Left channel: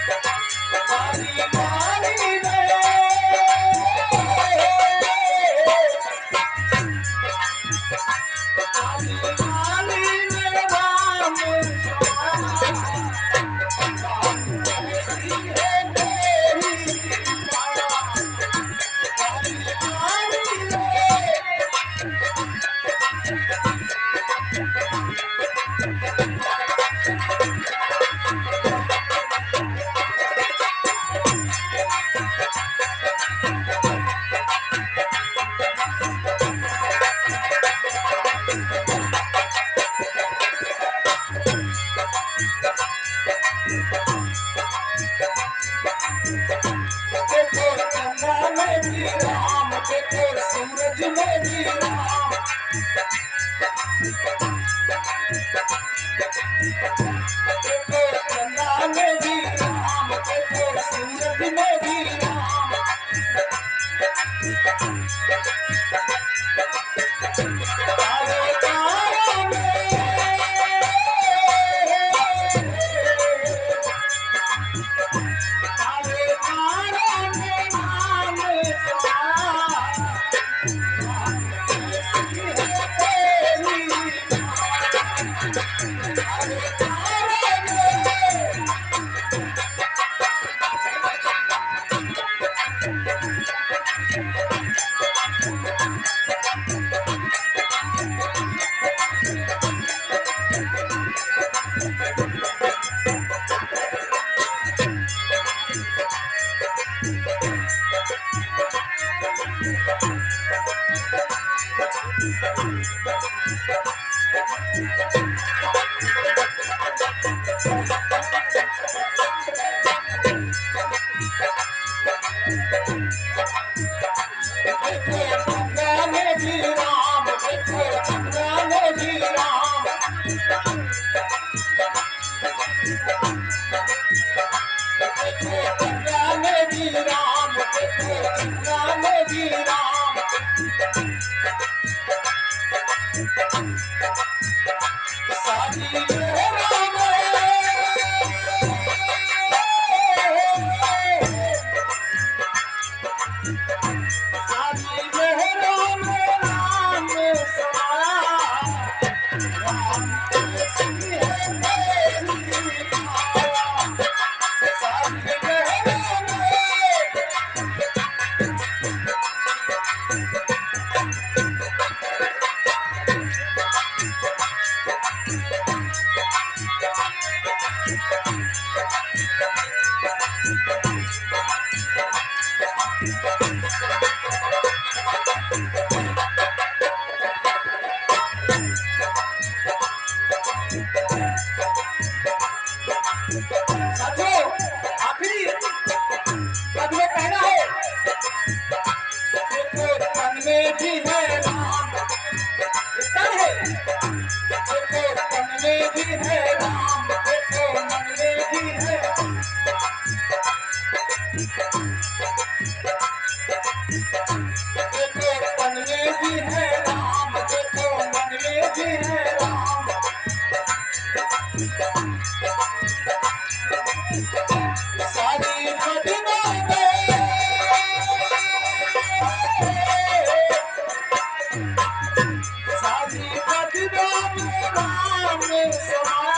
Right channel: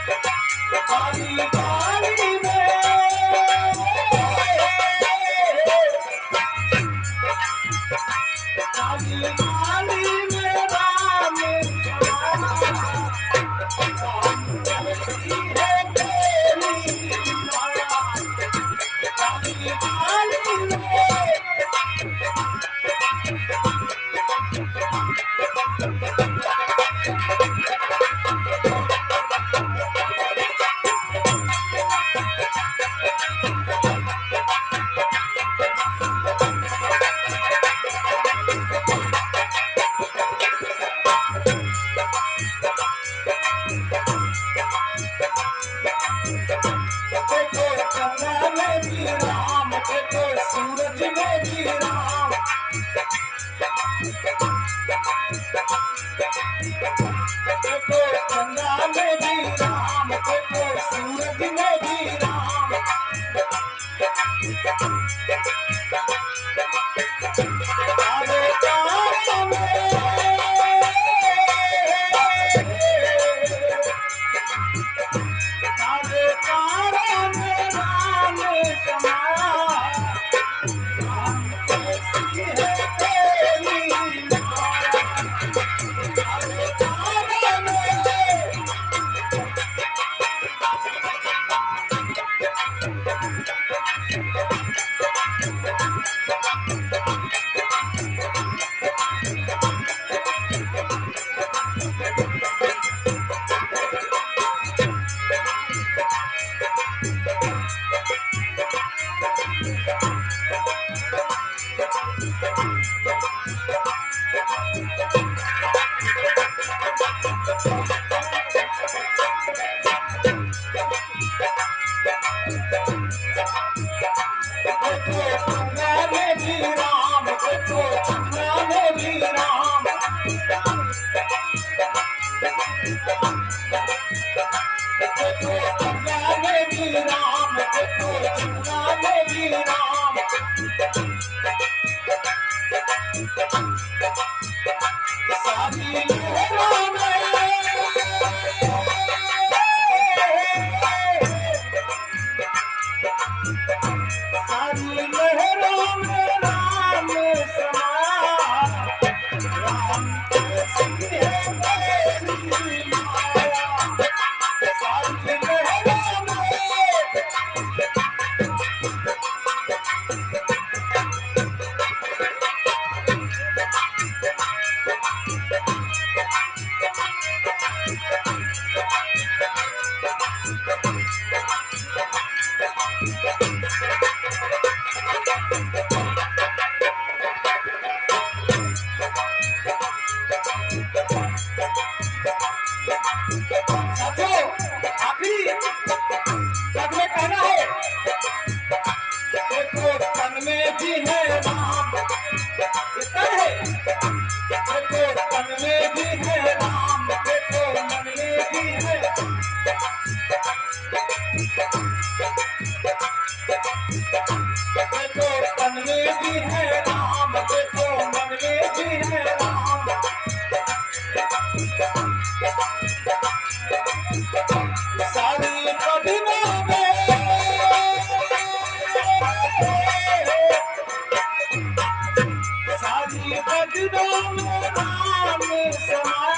बारी बारी में बारी बारी में राम ऐसी है तेरी माया बारी बारी देखो चंदा में भी राम देखो सूरज में भी राम देखो चंदा में भी राम देखो सूरज में भी राम आगे तारों में आगे तारों में राम समाया राम ऐसी है तेरी माया आगे तारों में देखो गंगा में भी राम देखो गंगा में भी राम देखो गंगा में भी राम देखो गंगा में भी राम सारी लहरों सारी लहरों में राम समाया राम ऐसी है तेरी माया सारी लहरों में साथियों आखिरी पद में कहना है देखो तन में भी है राम इतना है देखो तन में भी है राम देखो मन में भी है देखो तन में भी है राम देखो मन में भी है राम सारी कदमों में सारी कदमों में राम समाया